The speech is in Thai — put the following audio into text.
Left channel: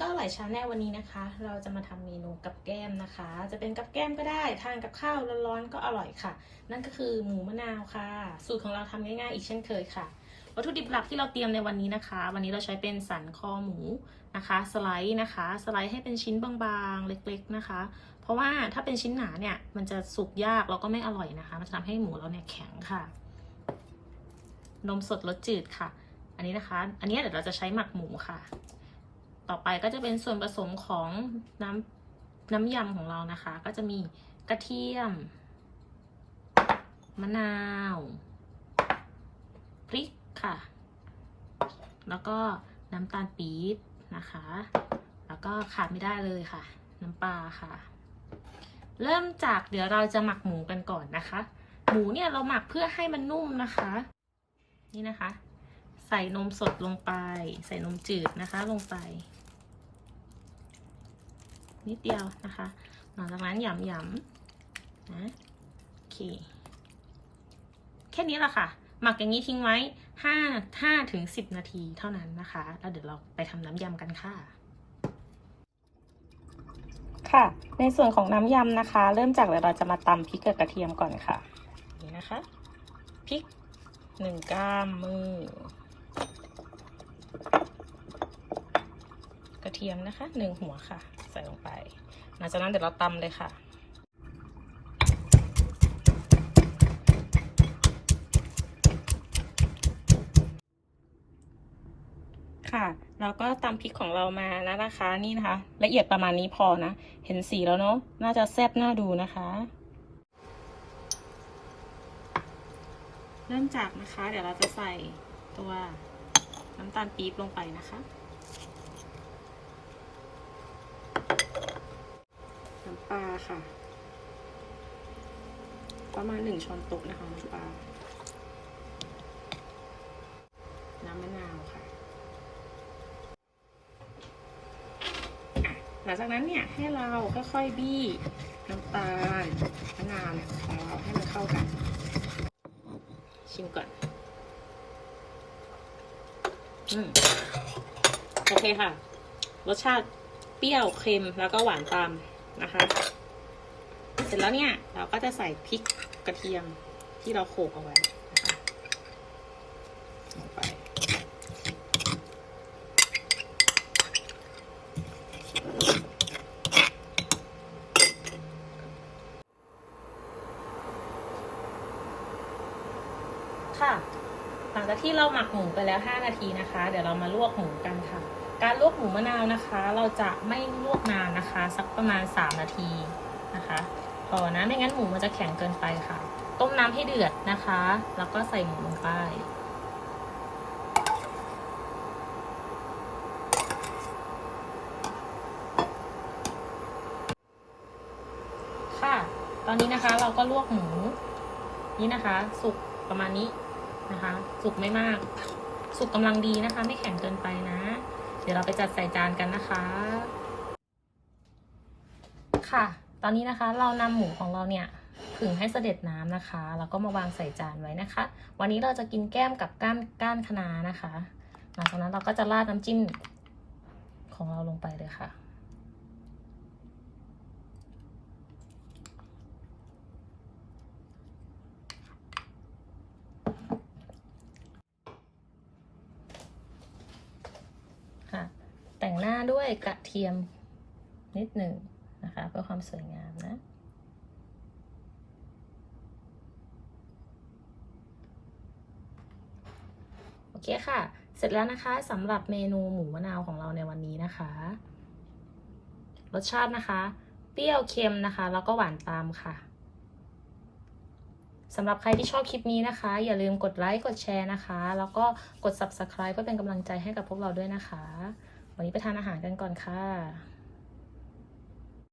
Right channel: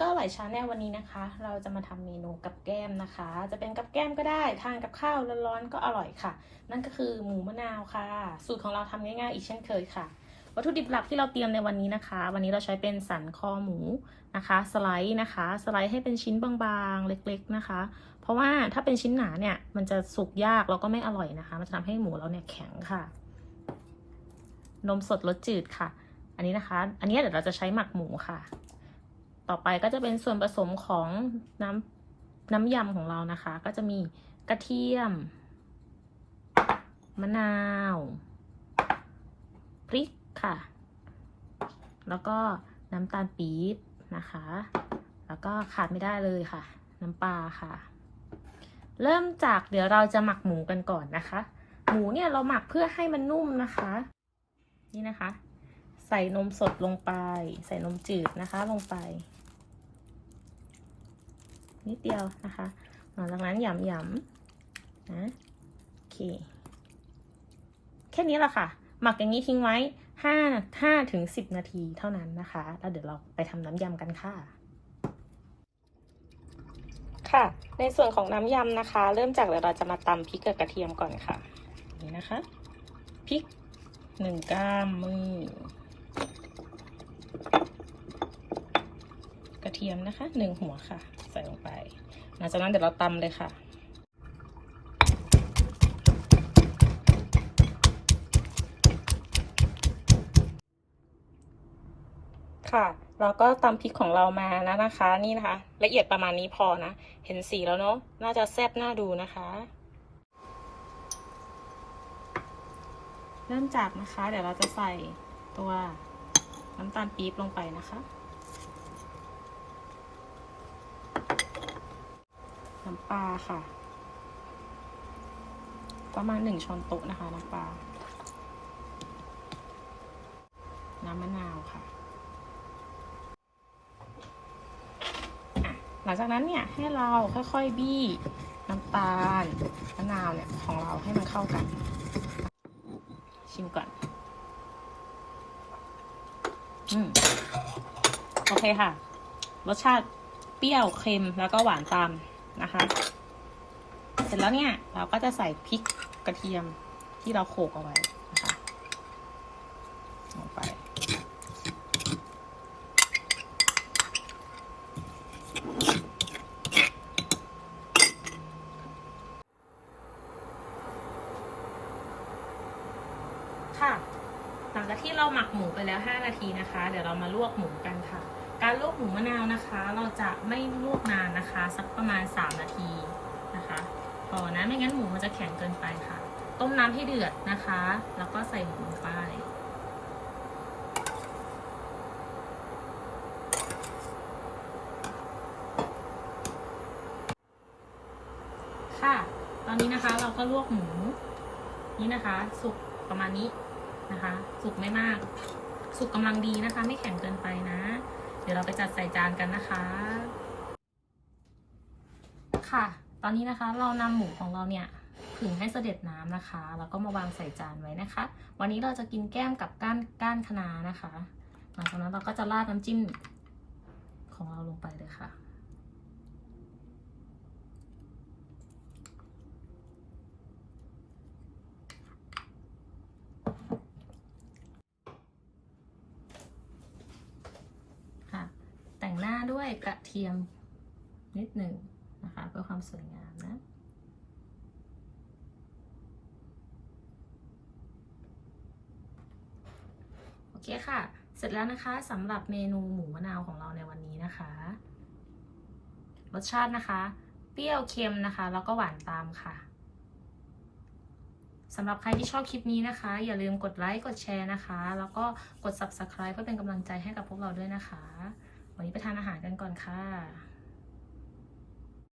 ก็อร่อยชาแนลวันนี้นะคะ เราจะมาทำเมนูกับแก้มนะคะ จะเป็นกับแก้มก็ได้ทานกับข้าวร้อนๆก็อร่อยค่ะ นั่นก็คือหมูมะนาวค่ะ สูตรของเราทำง่ายๆอีกเช่นเคยค่ะ วัตถุดิบหลักที่เราเตรียมในวันนี้นะคะ วันนี้เราใช้เป็นสันคอหมูนะคะ สไลด์นะคะ สไลด์ให้เป็นชิ้นบางๆเล็ก ๆนะคะ เพราะว่าถ้าเป็นชิ้นหนาเนี่ยมันจะสุกยากแล้วก็ไม่อร่อยนะคะ มันจะทำให้หมูเราเนี่ยแข็งค่ะ นมสดรสจืดค่ะ อันนี้นะคะ อันนี้เดี๋ยวเราจะใช้หมักหมูค่ะ ต่อไปก็จะเป็นส่วนผสมของน้ำน้ำยำของเรานะคะ ก็จะมีกระเทียม มะนาว พริกค่ะ แล้วก็น้ำตาลปี๊บนะคะ แล้วก็ขาดไม่ได้เลยค่ะ น้ำปลาค่ะ เริ่มจากเดี๋ยวเราจะหมักหมูกันก่อนนะคะ หมูเนี่ยเราหมักเพื่อให้มันนุ่มนะคะ นี่นะคะ ใส่นมสดลงไป ใส่นมจืดนะคะลงไป นิดเดียวนะคะ หลังจากนั้นหยำหยำๆนะโอเค แค่นี้แหละค่ะ หมักอย่างนี้ทิ้งไว้ห้าห้าถึงสิบนาทีเท่านั้นนะคะ แล้วเดี๋ยวเราไปทำน้ำยำกันค่ะ ค่ะ ในส่วนของน้ำยำนะคะ เริ่มจากเดี๋ยวเราจะมาตำพริกกับกระเทียมก่อนค่ะ นี่นะคะ พริกหนึ่งก้ามมือ กระ เทียมนะคะหนึ่งหัวค่ะ ใส่ลงไป หลังจากนั้นเดี๋ยวเราตำเลยค่ะค่ะเราก็ตำพริกของเรามานะนะคะนี่นะคะ ละเอียดประมาณนี้พอนะ เห็นสีแล้วเนาะน่าจะแซ่บน่าดูนะคะ เริ่มจากนะคะ เดี๋ยวเราจะใส่ตัวน้ำตาลปี๊บลงไปนะคะ น้ำ ปลาค่ะ ประมาณหนึ่งช้อนโต๊ะนะคะน้ำปลา น้ำมะนาวค่ะ หลังจากนั้นเนี่ยให้เราค่อยๆบี้น้ำตาลมะนาวเนี่ยของเราให้มันเข้ากัน ชิมก่อน อืมโอเคค่ะ รสชาติเปรี้ยวเค็มแล้วก็หวานตาม นะคะ เสร็จแล้วเนี่ยเราก็จะใส่พริกกระเทียมที่เราโขลกเอาไว้นะคะลงไปค่ะ หลังจากที่เราหมักหมูไปแล้ว 5 นาทีนะคะ เดี๋ยวเรามาลวกหมูกันค่ะ การลวกหมูมะนาวนะคะ เราจะไม่ลวกนานนะคะ สักประมาณ 3 นาทีนะคะพอนะไม่งั้นหมูมันจะแข็งเกินไปค่ะ ต้มน้ำให้เดือดนะคะ แล้วก็ใส่หมูลงไปค่ะ ตอนนี้นะคะเราก็ลวกหมูนี่นะคะ สุกประมาณนี้นะคะ สุกไม่มาก สุกกำลังดีนะคะ ไม่แข็งเกินไปนะ ดี๋ยวเราไปจัดใส่จานกันนะคะ ค่ะ ตอนนี้นะคะเรานำหมูของเราเนี่ยถึงให้เสด็จน้ำนะคะ แล้วก็มาวางใส่จานไว้นะคะ วันนี้เราจะกินแก้มกับก้านก้านคะน้านะคะ หลังจากนั้นเราก็จะราดน้ำจิ้มของเราลงไปเลยค่ะ แต่ง หน้าด้วยกระเทียมนิดหนึ่งนะคะเพื่อความสวยงามนะ โอเคค่ะ เสร็จแล้วนะคะสำหรับเมนูหมูมะนาวของเราในวันนี้นะคะ รสชาตินะคะ เปรี้ยวเค็มนะคะ แล้วก็หวานตามค่ะสำหรับใครที่ชอบคลิปนี้นะคะ อย่าลืมกดไลค์ กดแชร์นะคะ แล้วก็กด subscribe เพื่อเป็นกำลังใจให้กับพวกเราด้วยนะคะ วันนี้ไปทานอาหารกันก่อนค่ะ